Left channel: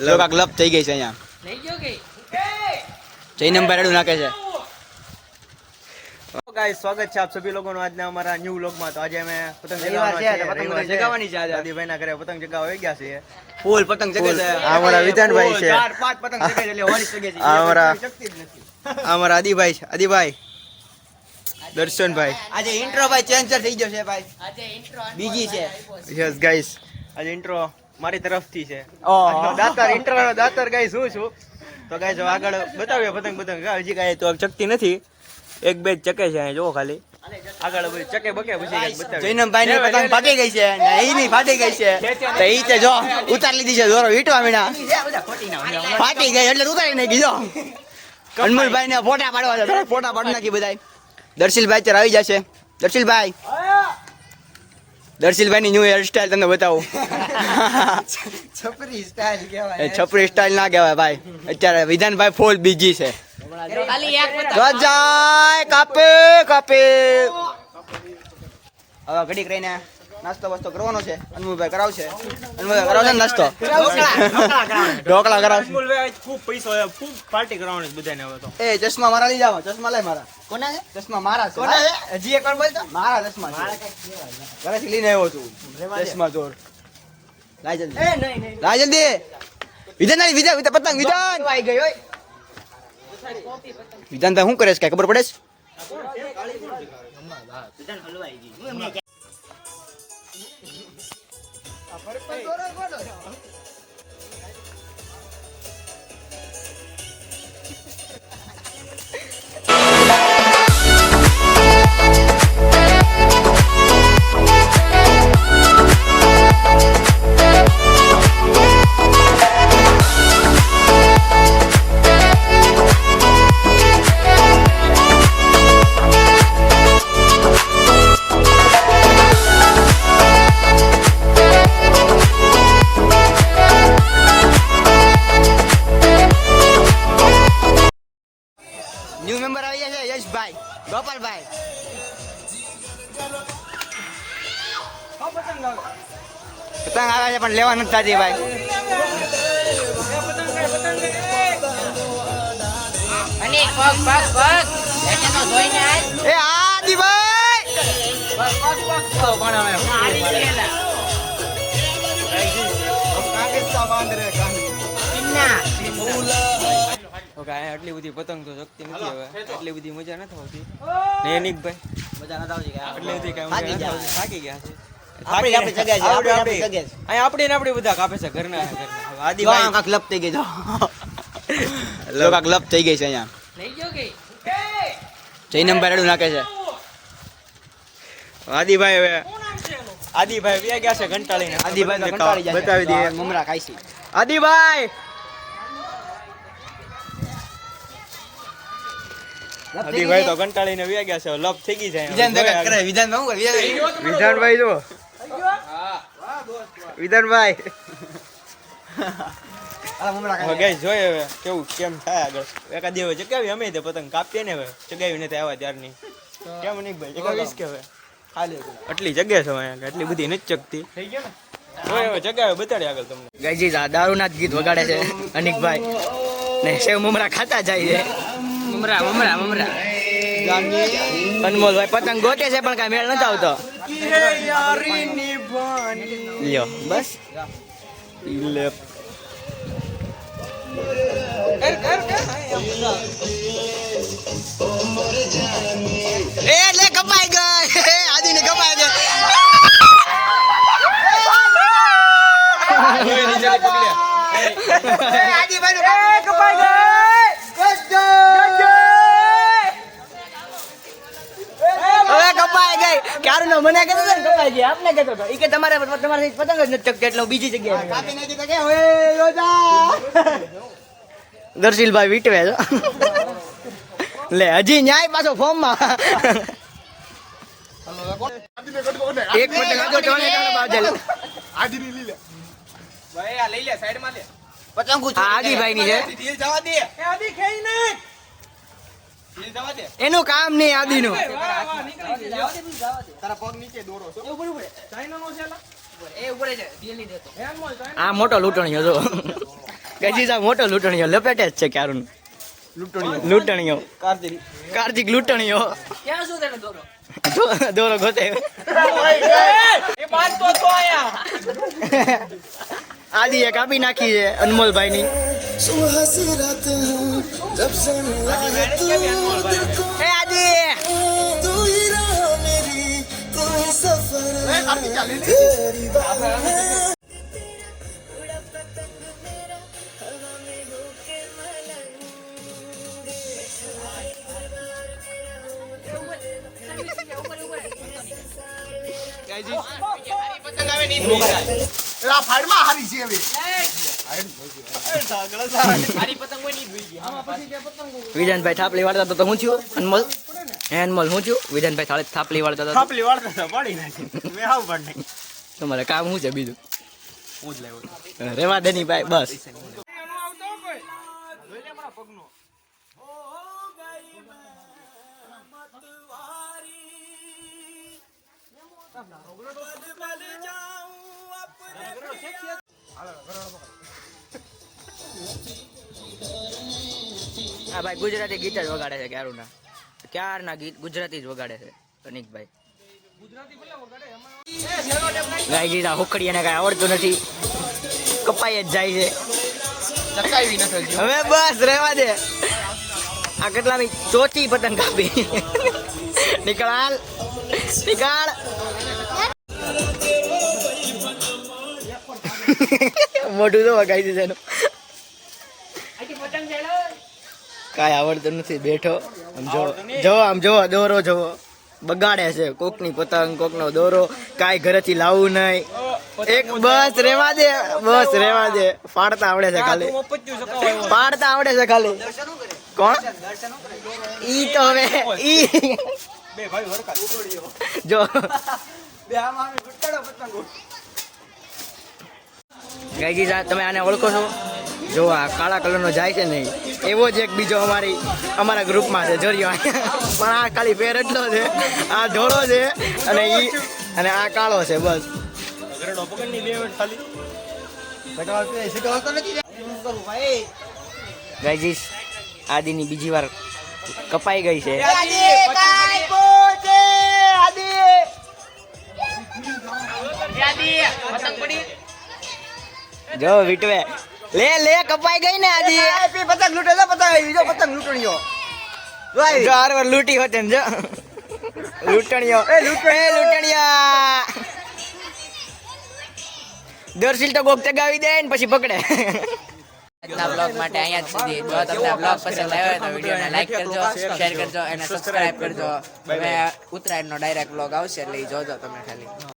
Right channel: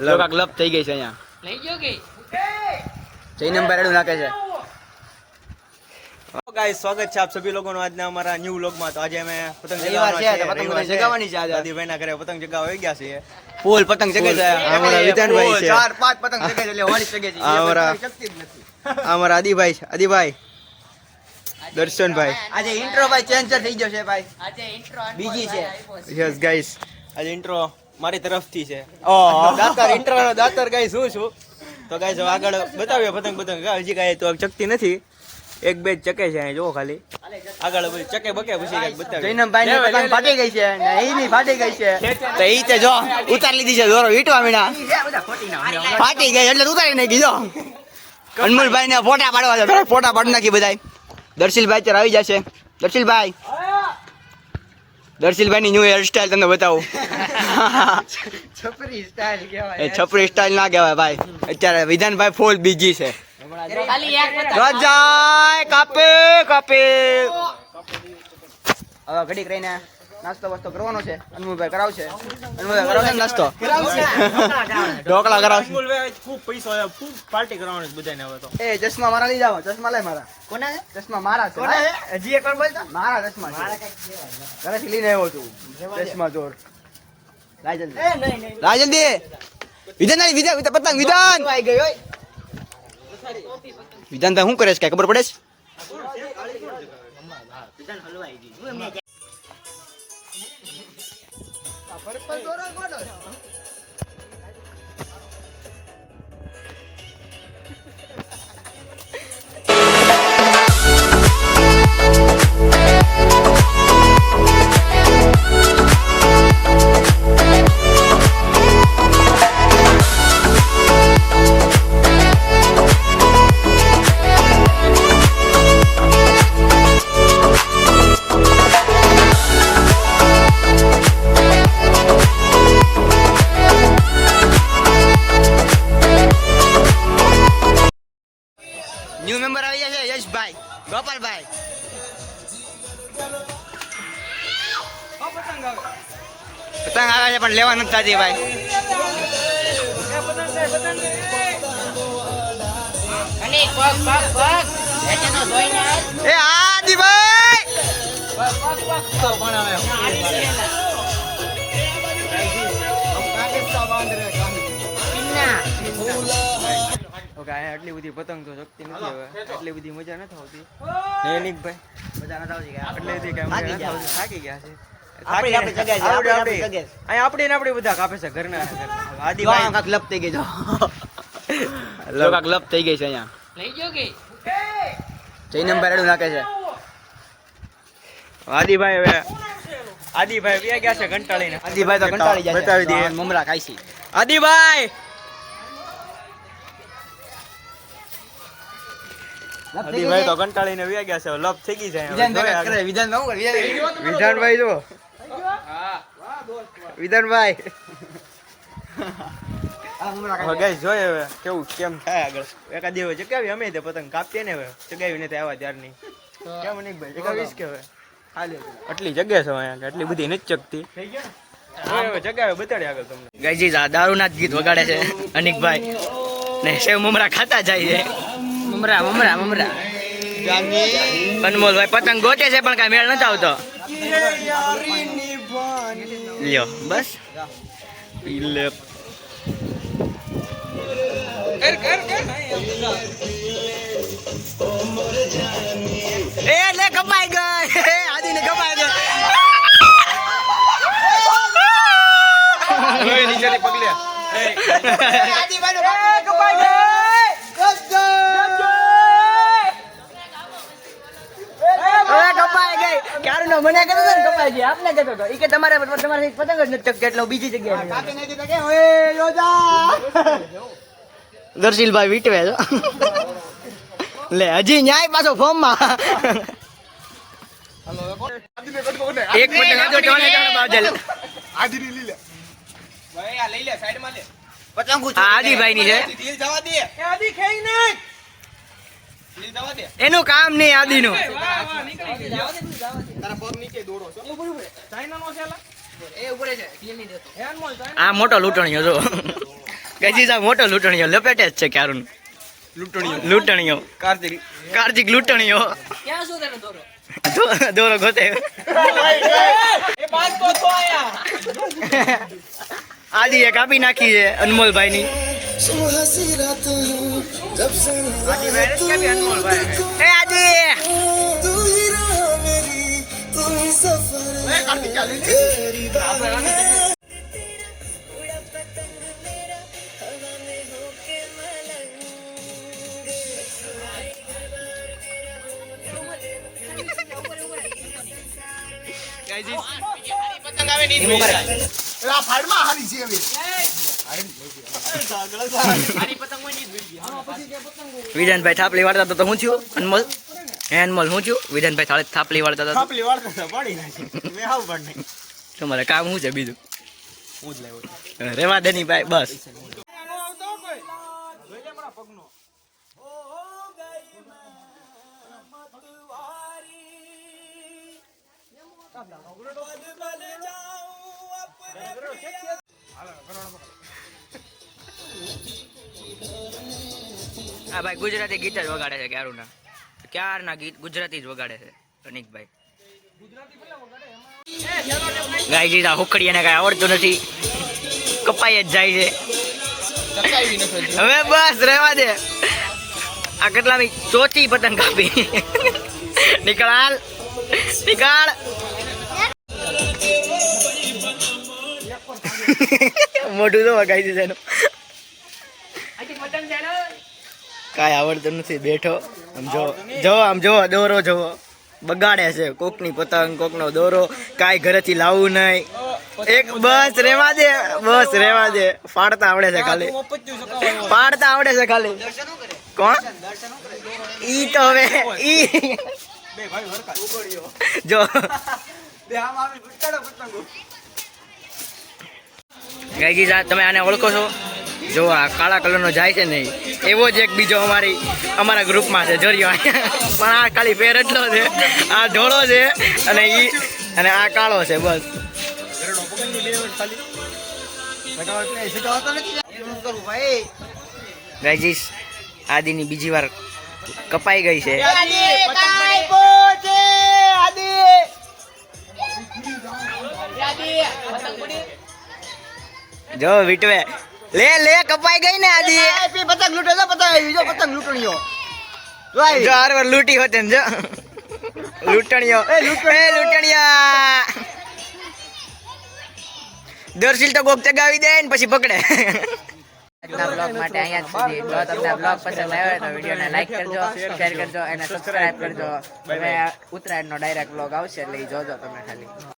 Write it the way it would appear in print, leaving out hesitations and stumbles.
લોકા ક્લબ થઈ ગઈ છે અહીંયા લઈ ગયો કે જઈ નંબર એડું નાખે છે गाइस स्वागत है आप सभी लोगों નો આજના અમારા ન્યુ વ્લોગ માં તો આજે અમે પતંગ ચગાવવાનો છે પતંગ ચગાવવાની છે આજે દાદીભાઈ ના ઘરે પતંગ ચગાવવા આવી ગયા છે ફૂલ પતંગ ચગે છે અમારા વિધાનભાઈ છે 4-5 પતંગ ચગે છે એટલે હોળી ચગે છે અમારા આદિભાઈ છે આદિભાઈ દર્શનભાઈ આજે ઇન્ટ્રો ભાઈ ચેન્જ થઈ ગયો છે ભાઈ આજે ઇન્ટ્રો બીજી છે યસ ગાઈસ આજે ઇન્ટ્રો મારી તરફથી છે ઓ દાતર ઇન્ટ્રો દાતર ગાઈસ હું છું તો ગાઈસ આગળ બતાવ્યો પતંગ હજી કાંઈ તો ચકતી નથી એક બે ચકે છે અહીં જો ખાલી આગળ ચકે બકે પછી બતાવે જૈનમભાઈ ની પતંગ ફાટી ગઈ છે ને ઈ ની ફાટી ગઈ છે તો ઈ તે જો ઉતાર લીધી છે દોરો વીટવા મીના ફાટી ગઈ એટલે ઉતારી નાખી જો અનમોલભાઈ ને ફોટા પાડવા દો થોડા ફોટા પાડી નાખી બધાય દર્શિલભાઈ અત્યારે આવી જશે દર્શિલભાઈ ની ન્યુ હેર સ્ટાઈલ તમને બતાવું છપરી સ્ટાઈલ કહેવાય એ છપરી સ્ટાઈલ ના કહેવાય ભાઈ અત્યારે વિધાનભાઈ ફૂલ બીજી છે જાય કાપે હવે ઘડી કરીને નાસ્તો વસ્તો કરવાનો છે અનમોલભાઈ કરાવશે નાસ્તો ઢોકળા કરાવશે ખૂબ પૈસા ખૂબ પાર્ટી કરવાની બધાને હવે તો એ ચશ્મા મારા લઈ જાવ ચશ્મા લઈ મારા કોના છે ચશ્મા મારા છે હજી એક વાર બોલતો મારા ચશ્મા છે ઘરેથી લઈને આવ્યો છું ચશ્મા ચોર રાજંદી વિધાન પતંગ વિધાન વિધાનભાઈ શું કરે છે કઈ ખબર પડે છે ન્યુ મેમ્બર આવી ગયા છે યશભાઈ ગોપાલભાઈ પતંગ આવે છે પણ લેવા નથી થતી ભાઈ એ આદિભાઈ આટલી બધી પતંગ તો શકતી નથી હવે એટલી બધી મજા નથી આવતી નૈનિકભાઈ મજા નથી આવતી એટલે બધી કઈ મજા નથી આવતી થાકી ગયા છે આપડી બધા કાપે છે ઘરના આદિભાઈ ક્લબ થઈ ગઈ ક્લબ થઈ ગઈ છે અહીંયા લઈ ગયો કે જઈ નંબર એડું નાખે છે આદિભાઈ વ્યા ગયા છે ઘંટાળીને આદિભાઈ તો કંટાળી જાય બતાવી દઈએ મમરા ખાઈ છે આદિભાઈ તો કંટાળીને વ્યા ગયા છે લપ થઈ ગઈ છે વિધાનભાઈ જો વિધાનભાઈ ગાઈસ જોઈએ હવે કેવું કેમ થાય આગળ એકાદ દિવસ ચગાવી અમે તે પતંગ કાપીએ ને હવે ચગાવી નથી આવ્યા ત્યારની કેમ નહીં ભાઈ ચગાવીશ કે હવે આટલી જગ્યા છે અહીંયા એટલી બધી નથી ચગતી જગ્યા બતાડે આગળ તમને ગાઈજી દારૂના ગીત વગાડે છે અનિકભાઈ ને સેવ મમરા ખાતા જાય છે અનમોલભાઈ પતંગ ગોતે છે પણ કઈ મેળ નથી આવતો લ્યો બસ એટલે કપાઈ ગઈ આદિને કપાઈ ગઈ મને કહેતો ને કપાઈ ગઈ આપને કહેતો હતો ઈ કે તમારે પતંગ જ નથી ચકતી એટલે બીજી જગ્યાએ કાપી નાખી તો કે ઓય યોજા દર્શિલભાઈ વીટવે છો લે હજી ન્યાય પાછો ફોર્મ માં એક પતંગ આજો ટોણે બાજલ આદિની લઈ લે ભાઈ આ લઈ લે સાઈડ માં લે પતંગ આદિભાઈ ની છે જવા દે આદિ ખાઈ નાખ એનું કામ નહીં આદિનું આ મોટો લૂંટણીયો જો ગઈજી આ મોટો લૂંટણીયો લપેટે જ છે ક્યારું લૂંટણીયો કાર્તિક લૂંટણીયો દોરો ગોતે આદિ એ કાપી નાખી છે અનમોલભાઈ ની એ આદિ વિધાનભાઈ થાપલી વાળતા તો હું થયું અનમોલ અનમોલ હું થયું વિધાનભાઈ થાપલી વાળતા થાપલી વાળતા તો પાડી નાખી મેં આવું પણ નહીં તમારે કામ શું છે બીજું હું જ લાવ્યો રેવા દે ની ભાઈ બસ હા ભાઈ ગુજરાતી ગીત જ વગાડે છે ક્યારના ગીત ગુજરાતી જ વગાડે છે અનિકભાઈ ગાય ગીતા હુકડી એને કઈ આવડતું નથી કપાઈ જ જાય છે હવે બસ રહેવા દે આ કેટલાની ચોથી પતંગ કાપી નીકળ મોઢું તો વગાઈ દીધું એનું કાંઈ આવડતું નથી બેઠો આમ જો દોરો જોવો બગાડે છે કોકની પતંગ કોકનો દોરો કાંઈ ઘરેથી લાવવું નહીં એક બસ રેવા દે ફાડતા આવડે છે ખાલી કોણ ઈ તો હવે ઈ જો ગાયજી તમે આને ઓળખો છો જો આ કાળા કલરનો જાય છે ને એવો જ એક બીજો અમારા ગ્રુપમાં છે જોરિયો પણ આ ખાલી પેર એટલો છે આ ધોળો છે અને આ કાળો છે બસ ગાયજી આદિની બીજી વાર કપાઈ ગઈ છે જો વિટવે લે કપાઈ ગઈ ને આદિ પતંગ લૂટે પતંગ લૂંટણીયો જો આર વાર લૂંટી હોતે ને જો લૂંટણીયા દર્શિલ તો કોક ચગાવી દે ને પછી પકડે આજના બ્લોગ માટે અહીંયા જ સુધી જો તમને બ્લોગ પસંદ આવ્યો હોય તો વિડીયોને લાઈક કરજો શેર કરજો અને સબસ્ક્રાઇબ કરજો હવે ઉત્તરાયણનો ડાયરેક્ટ બ્લોગ આવશે એટલે જોજો તમે ખાલી